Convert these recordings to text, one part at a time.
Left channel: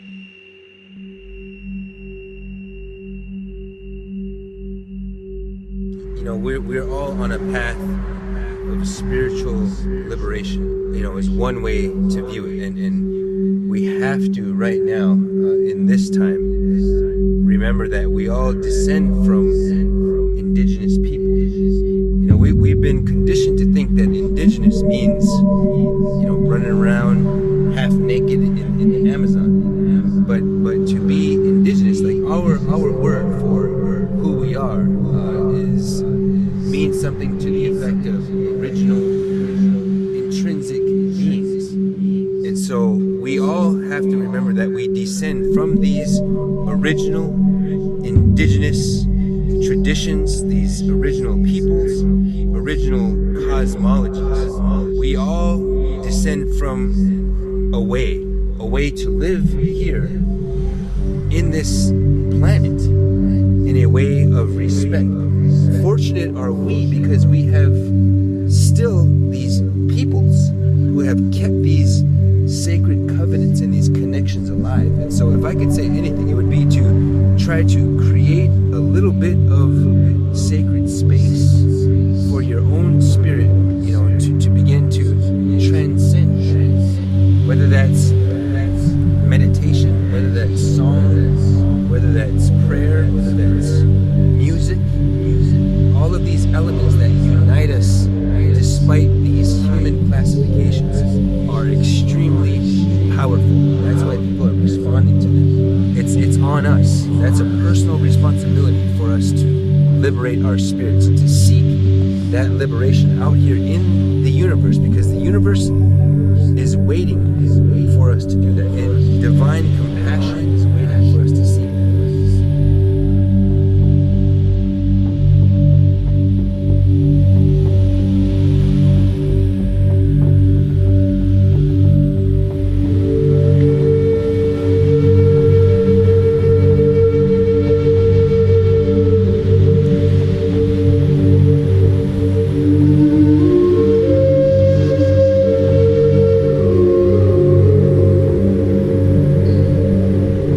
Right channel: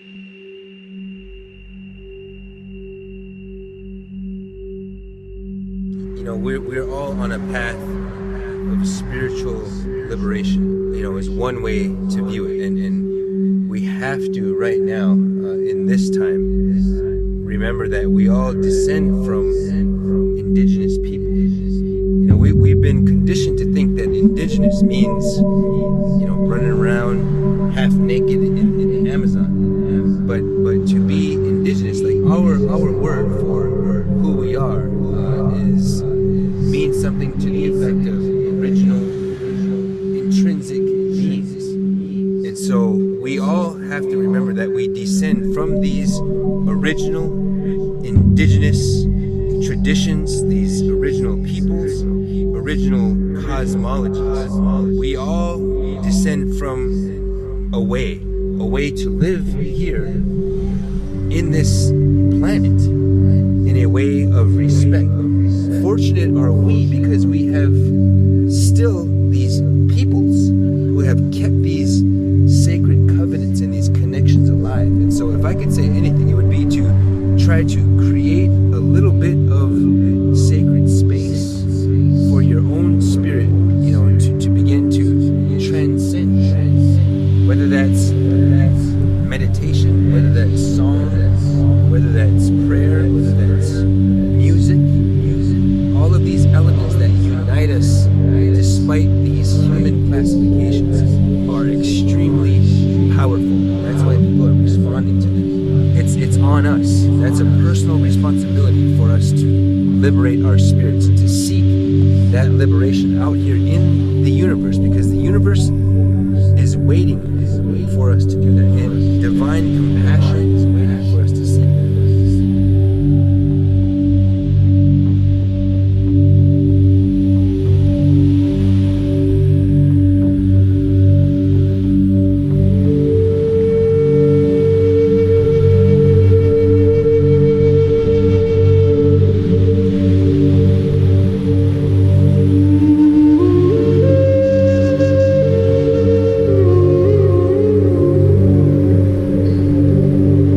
You know, we're all on a path of spiritual liberation, you know, is one way to view it. And we have to, right now, in this time, remember that we all descend from indigenous people. You know, we've been conditioned to think that indigenous means, you know, running around half naked in the Amazon. But to be indigenous, like our word for who we are, means something to the effect of original, intrinsic beings. And so we all have to remember that we descend from these original, indigenous traditions, these original peoples, original cosmologies. We all descend from a way to live here in this planet in a way of respect. Fortunate are we because we have still these peoples who have kept these sacred covenants and these connections alive. And so if I could say anything, it would be to try to create a little bit of sacred space for your own spirit, you know, to begin to transcend, whether that's meditation, whether that's song, whether that's prayer, whether that's music. All of these elements that unite us despite these human classifications are extremely powerful. That's why people are responding to them. It's on us. That's a personal responsibility for us to liberate our spirits, to seek that liberation out here in the universe, because the universe is waiting for us to do that, and divine compassion is waiting for us to seek that.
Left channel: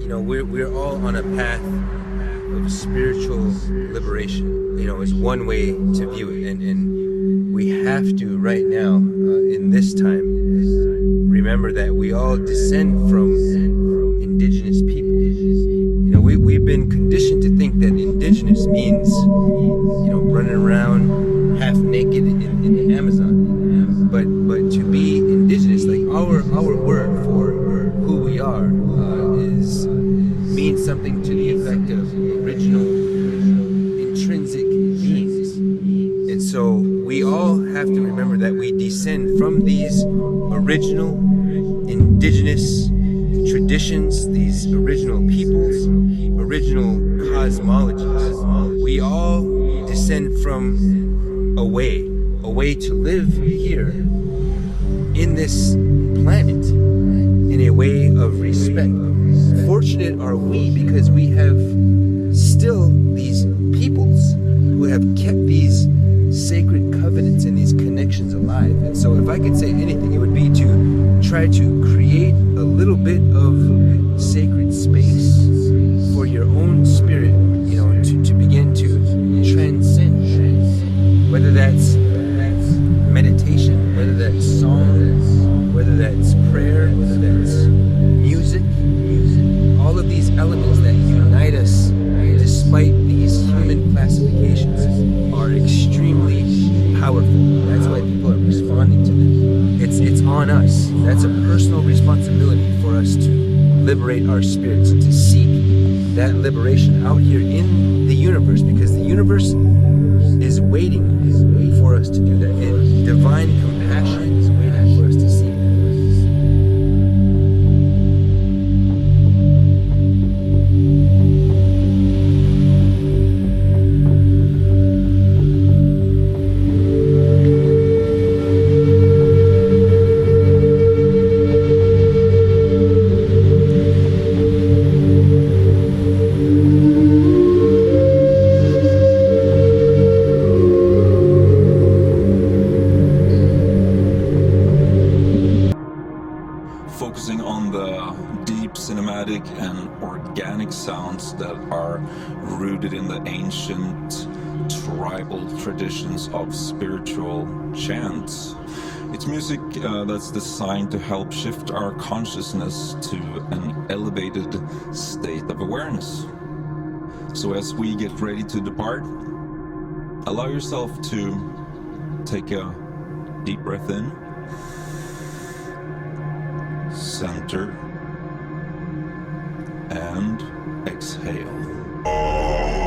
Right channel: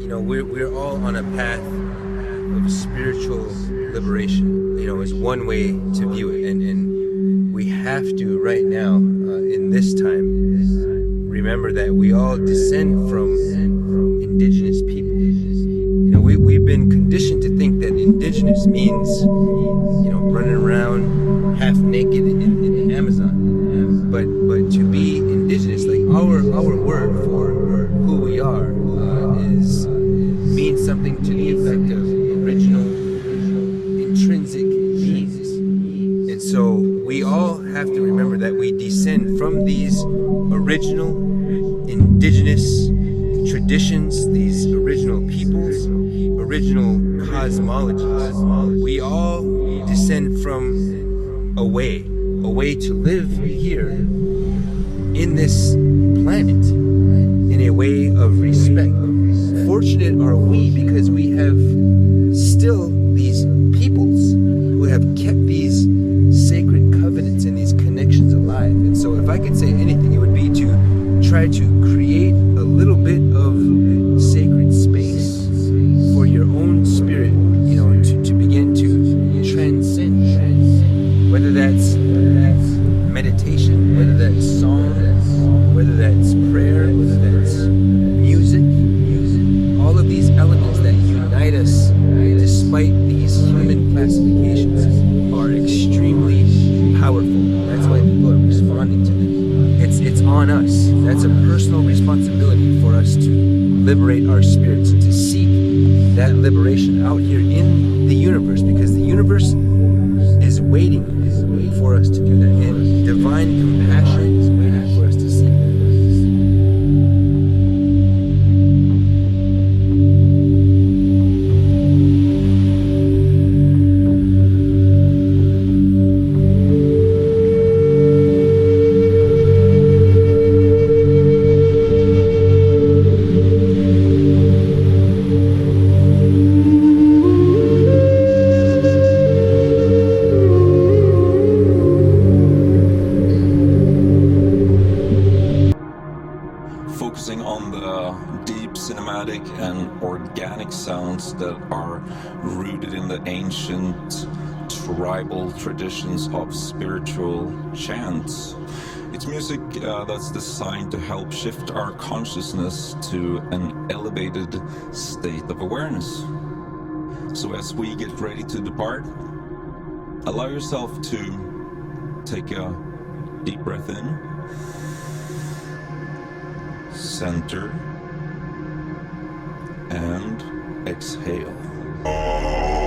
we're all on a path of spiritual liberation. Is one way to view it, and we have to right now in this time remember that we all descend from indigenous people. We've been conditioned to think that indigenous means running around half naked in the Amazon, but to be indigenous, like our word for who we are, means something to the effect of original, intrinsic beings. And so we all have to remember that we descend from these original, indigenous traditions, these original peoples, original cosmologies. We all descend from a way to live here in this planet in a way of respect. Fortunate are we because we have still these peoples who have kept these sacred covenants and these connections alive. And so if I could say anything, it would be to try to create a little bit of sacred space for your own spirit, to begin to transcend, whether that's meditation, whether that's song, whether that's prayer, whether that's music. All of these elements that unite us despite these human classifications are extremely powerful. That's why people are responding to them. It's on us. That's a personal responsibility for us to liberate our spirits, to seek that liberation out here in the universe, because the universe is waiting for us to do that, and divine compassion is waiting for us to seek that. Focusing on the deep cinematic and organic sounds that are rooted in the ancient tribal traditions of spiritual chants. It's music that's designed to help shift our consciousness to an elevated state of awareness. So as we get ready to depart, allow yourself to take a deep breath in, center, and exhale.